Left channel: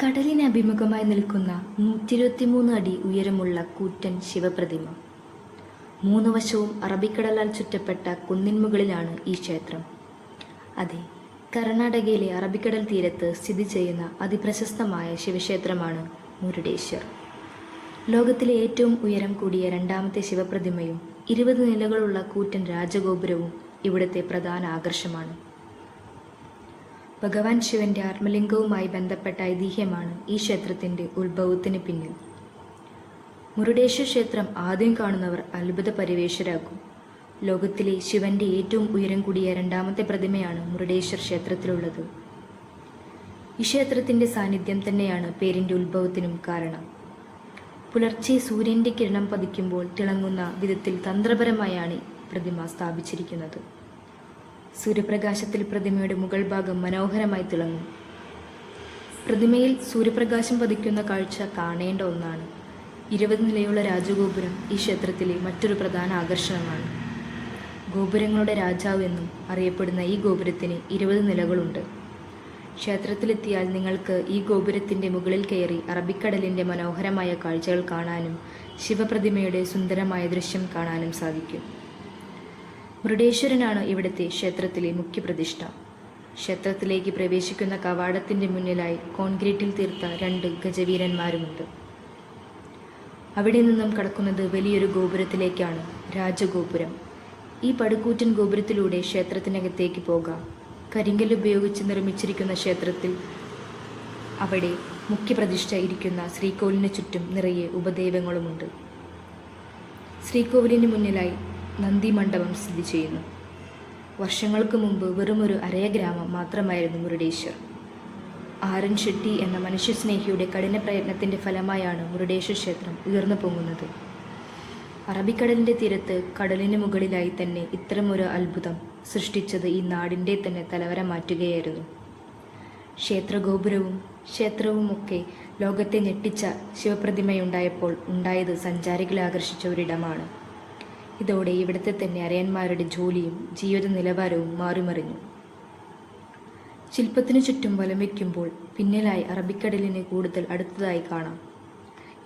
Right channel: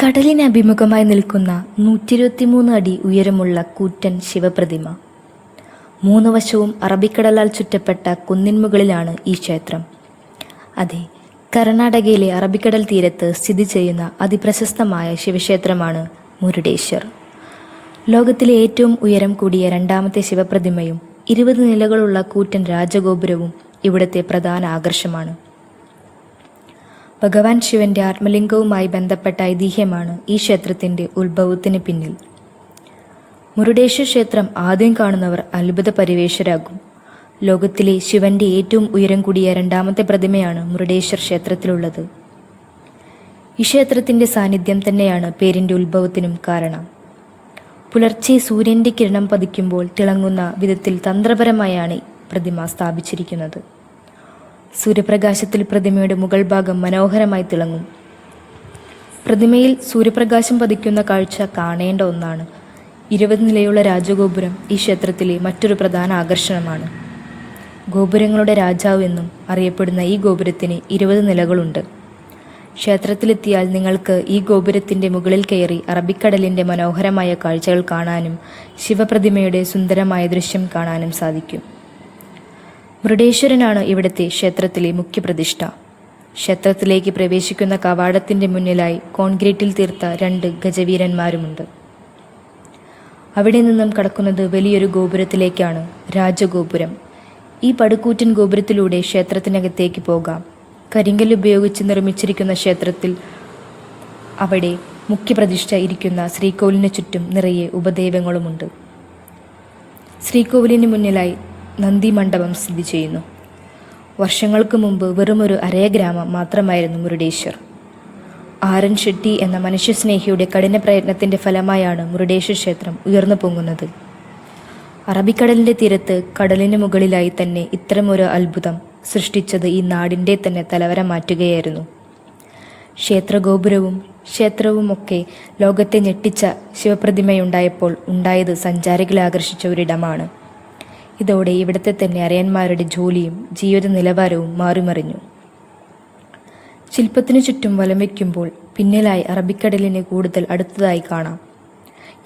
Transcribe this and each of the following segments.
കടലിന് അഭിമുഖമായി നിൽക്കുന്ന 123 അടി ഉയരമുള്ള കൂറ്റൻ ശിവപ്രതിമ. 3 വശവും അറബിക്കടലാൽ ചുറ്റപ്പെട്ട കുന്നിൻമുകളിലാണ് ഈ ക്ഷേത്രം. അതെ, കർണാടകയിലെ അറബിക്കടൽ തീരത്ത് സ്ഥിതി ചെയ്യുന്ന അതിപ്രശസ്തമായ ശിവക്ഷേത്രമാണ് മുരുഡേശ്വർ. ലോകത്തിലെ ഏറ്റവും ഉയരം കൂടിയ രണ്ടാമത്തെ ശിവപ്രതിമയും 20 നിലകളുള്ള കൂറ്റൻ രാജഗോപുരവും ഇവിടുത്തെ പ്രധാന ആകർഷമാണ്. ഭഗവാൻ ശിവന്റെ ആത്മലിംഗവുമായി ബന്ധപ്പെട്ട ഐതിഹ്യമാണ് ഈ ക്ഷേത്രത്തിൻ്റെ ഉത്ഭവത്തിന് പിന്നിൽ. മുരുഡേശ്വർ ക്ഷേത്രം ആദ്യം കാണുന്നവർ അത്ഭുത പരിവേഷരാകും. ലോകത്തിലെ ശിവന്റെ ഏറ്റവും ഉയരം കൂടിയ രണ്ടാമത്തെ പ്രതിമയാണ് മുരുഡേശ്വർ ക്ഷേത്രത്തിലുള്ളത്. ഈ ക്ഷേത്രത്തിൻ്റെ സാന്നിധ്യം തന്നെയാണ് പേരിൻ്റെ ഉത്ഭവത്തിനും കാരണം. പുലർച്ചെ സൂര്യൻ്റെ കിരണം പതിക്കുമ്പോൾ തിളങ്ങുന്ന വിധത്തിൽ തന്ത്രപരമായാണ് പ്രതിമ സ്ഥാപിച്ചിരിക്കുന്നത്. സൂര്യപ്രകാശത്തിൽ പ്രതിമയുടെ മുകൾ ഭാഗം മനോഹരമായി തിളങ്ങും. പ്രതിമയിൽ സൂര്യപ്രകാശം പതിക്കുന്ന കാഴ്ച കാണേണ്ട ഒന്നാണ്. 20 നിലയുള്ള രാജഗോപുരം ഈ ക്ഷേത്രത്തിലെ മറ്റൊരു പ്രധാന ആകർഷണമാണ്. ഗോപുരങ്ങളുടെ രാജാവ് എന്നും അറിയപ്പെടുന്ന ഈ ഗോപുരത്തിന് 20 നിലകളുണ്ട്. ക്ഷേത്രത്തിലെത്തിയാൽ നിങ്ങൾക്ക് ഈ ഗോപുരത്തിൻ്റെ മുകളിൽ കയറി അറബിക്കടലിൻ്റെ മനോഹരമായ കാഴ്ചകൾ കാണാനും ശിവപ്രതിമയുടെ സുന്ദരമായ ദൃശ്യം കാണാനും സാധിക്കും. മുരുഡേശ്വരനാണ് ഇവിടുത്തെ ക്ഷേത്രത്തിലെ മുഖ്യപ്രതിഷ്ഠ. ക്ഷേത്രത്തിലേക്ക് പ്രവേശിക്കുന്ന കവാടത്തിൻ്റെ മുന്നിലായി കോൺക്രീറ്റിൽ തീർത്ത 2 ഗജവീരന്മാരുമുണ്ട്. അവിടെ നിന്നും കടക്കുന്നത് വലിയൊരു ഗോപുരത്തിലേക്കാണ്, രാജഗോപുരം. ഈ പടുകൂറ്റൻ ഗോപുരത്തിലൂടെ ക്ഷേത്രത്തിനകത്തേക്ക് പോകാം. കരിങ്കല്ല് ഉപയോഗിച്ച് നിർമ്മിച്ചിരിക്കുന്ന ക്ഷേത്രത്തിൽ അവിടെ മുഖ്യപ്രതിഷ്ഠ ഇരിക്കുന്ന ശ്രീകോവിലിന് ചുറ്റും നിറയെ ഉപദേവങ്ങളുമുണ്ട്. ശ്രീകോവിലിന് മുന്നിലായി നന്ദി മണ്ഡപം സ്ഥിതി ചെയ്യുന്നു. വർഷങ്ങൾക്ക് മുമ്പ് വെറുമൊരു അരയ ഗ്രാമം മാത്രമായിരുന്നു മുരുഡേശ്വർ. ആരൻ ഷെട്ടി എന്ന മനുഷ്യസ്നേഹിയുടെ കഠിന പ്രയത്നത്തിൻ്റെ ഫലമായാണ് മുരുഡേശ്വർ ക്ഷേത്രം ഉയർന്നു പൊങ്ങുന്നത്. അറബിക്കടലിൻ്റെ തീരത്ത് കടലിന് മുകളിലായി തന്നെ ഇത്തരമൊരു അത്ഭുതം സൃഷ്ടിച്ചത് ഈ നാടിൻ്റെ തന്നെ തലവര മാറ്റുകയായിരുന്നു. ക്ഷേത്രവുമൊക്കെ ലോകത്തെ ഞെട്ടിച്ച ശിവപ്രതിമയുണ്ടായപ്പോൾ ഉണ്ടായത് സഞ്ചാരികളെ ആകർഷിച്ച ഒരിടമാണ്. ഇതോടെ ഇവിടുത്തെ തന്നെ അരയന്മാരുടെ ജോലിയും ജീവിത നിലവാരവും മാറിമറിഞ്ഞു. ശില്പത്തിനു ചുറ്റും വലം വയ്ക്കുമ്പോൾ പിന്നിലായി അറബിക്കടലിന് കൂടുതൽ അടുത്തതായി കാണാം.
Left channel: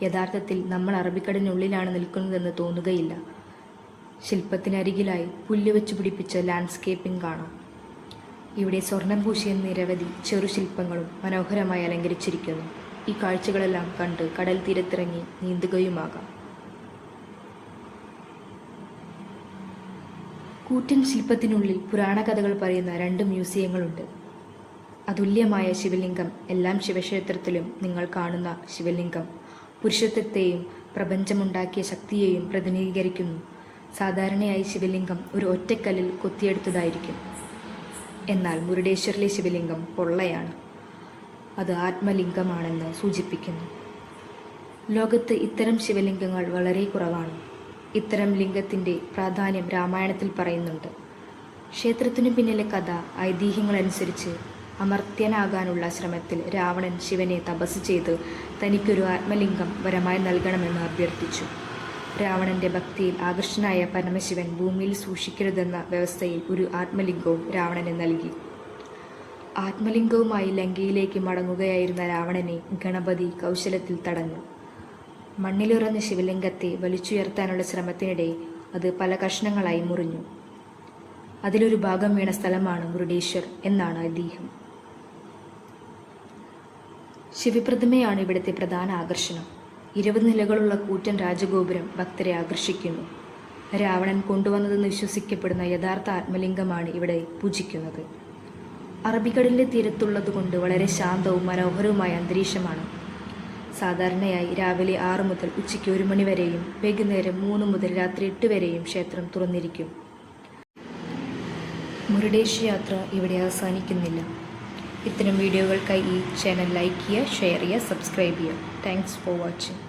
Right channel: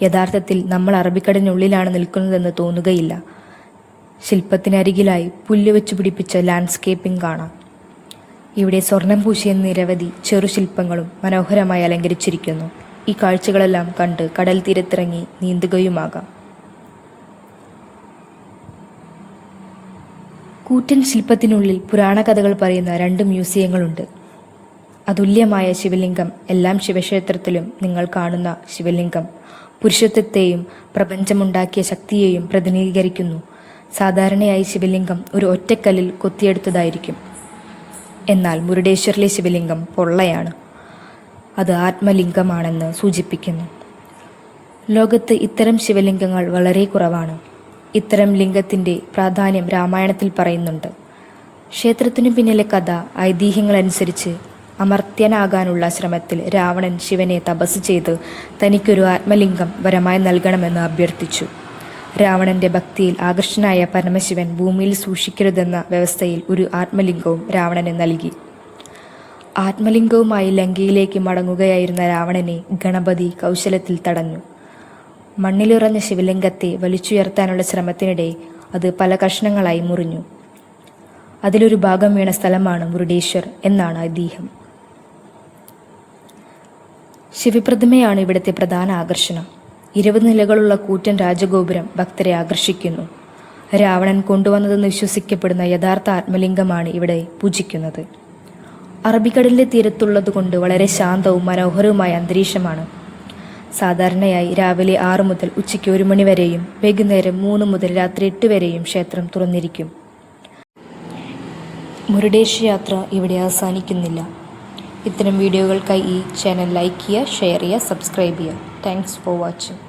യഥാർത്ഥത്തിൽ നമ്മൾ അറബിക്കടലിനുള്ളിലാണ് നിൽക്കുന്നതെന്ന് തോന്നുകയില്ല. ശില്പത്തിനരികിലായി പുല്ല് വെച്ച് പിടിപ്പിച്ച ലാൻഡ്സ്കേപ്പിംഗ് കാണാം. ഇവിടെ സ്വർണം പൂശിയ നിരവധി ചെറുശില്പങ്ങളും മനോഹരമായി അലങ്കരിച്ചിരിക്കുന്നു. ഈ കാഴ്ചകളെല്ലാം കണ്ട് കടൽ തീരത്തിറങ്ങി നീന്തുകയുമാകാം. കൂറ്റൻ ശില്പത്തിനുള്ളിൽ പുരാണ കഥകൾ പറയുന്ന 2 മ്യൂസിയങ്ങളുണ്ട്. അതുല്യമായ ശിവലിംഗം. എല്ലാം ശിവക്ഷേത്രത്തിലും നിങ്ങൾ കാണുന്ന ശിവലിംഗം പുരുഷത്വത്തെയും പ്രപഞ്ചമുണ്ടാക്കിയ ശക്തിയെയും പ്രതിനിധീകരിക്കുന്നു. സാധാരണയായി ശിവലിംഗം ഒരു ഒറ്റക്കല്ലിൽ കൊത്തിയെടുത്തതായിരിക്കും. എന്നാൽ മുരുഡേശ്വറിലെ ശിവലിംഗം പൊള്ളയാണ്. അത് ആത്മലിംഗമാണെന്ന് സൂചിപ്പിക്കുന്നു. ലോകത്ത് ഇത്തരം ശിവലിംഗങ്ങൾ വളരെ കുറവാണ്. ഇത്തരം ലിംഗത്തിൻ്റെ പ്രാധാന്യം രാമായണത്തിൽ പറയുന്നുണ്ട്. ക്ഷേത്രത്തിനു പിന്നിലെ കഥ ഐതിഹ്യങ്ങളനുസരിച്ച് അമർത്യനാകാനുള്ള ശ്രമത്തിൽ രാവണൻ ശിവനെ തപസ് ചെയ്ത് തനിക്കൊരു ആത്മലിംഗം വരമായി നൽകണമെന്ന് അഭ്യർത്ഥിച്ചു. രാവണൻ്റെ ഭക്തിയിൽ ആകർഷനായ പരമശിവൻ ഭൂമിയിൽ സൂക്ഷിക്കരുതെന്ന വ്യവസ്ഥയിൽ ഒരു ആത്മലിംഗവും രാവണന് നൽകി. ആത്മലിംഗവുമായി ലങ്കയിലേക്ക് മടങ്ങുകയായിരുന്ന രാവണനെ ഗണപതി കൗശലത്തിൽ തടഞ്ഞു. മണ്ണിലുറഞ്ഞ ശിവലിംഗത്തെ വലിച്ചുയർത്താനുള്ള ശ്രമത്തിനിടെ അത് പല കഷ്ണങ്ങളായി മുറിഞ്ഞു. അതിലൊരു ഭാഗം വീണ സ്ഥലമാണ് മുരുഡേശ്വർ എന്നാണ് ഐതിഹ്യം. ശിവപ്രതിമയാണ് ഇവിടുത്തെ പ്രധാന ആകർഷണം. 20 നിലകളുള്ള കൂറ്റൻ രാജഗോപുരം ഭക്തരെ ആകർഷിക്കുന്നു. രാവണൻ കൊണ്ടുവന്നതെന്ന് വിശ്വസിക്കപ്പെടുന്ന യഥാർത്ഥ ആത്മലിംഗമാണ് ഇവിടെ പൂജിക്കുന്നത്. അറബിക്കടലിൻ്റെ തീരത്തുള്ളതുകൊണ്ട് വളരെ ശാന്തവും മനോഹരവുമായ അന്തരീക്ഷമാണ്. സാധാരണയായി രാവിലെ 6 മുതൽ ഉച്ചയ്ക്ക് 1 മണി വരെയും വൈകുന്നേരം 3 മുതൽ രാത്രി 8 വരെയും ക്ഷേത്രം തുറന്നിരിക്കും. മുരുഡേശ്വർ യാത്ര ഇവിടെ അവസാനിക്കുന്നില്ല. ഇത്തരം വീഡിയോകൾക്കായി ഈ ചാനൽ ലൈക്ക് ചെയ്യുക, ഷെയർ ചെയ്യുക, സബ്സ്ക്രൈബ് ചെയ്യുക. Thanks for watching.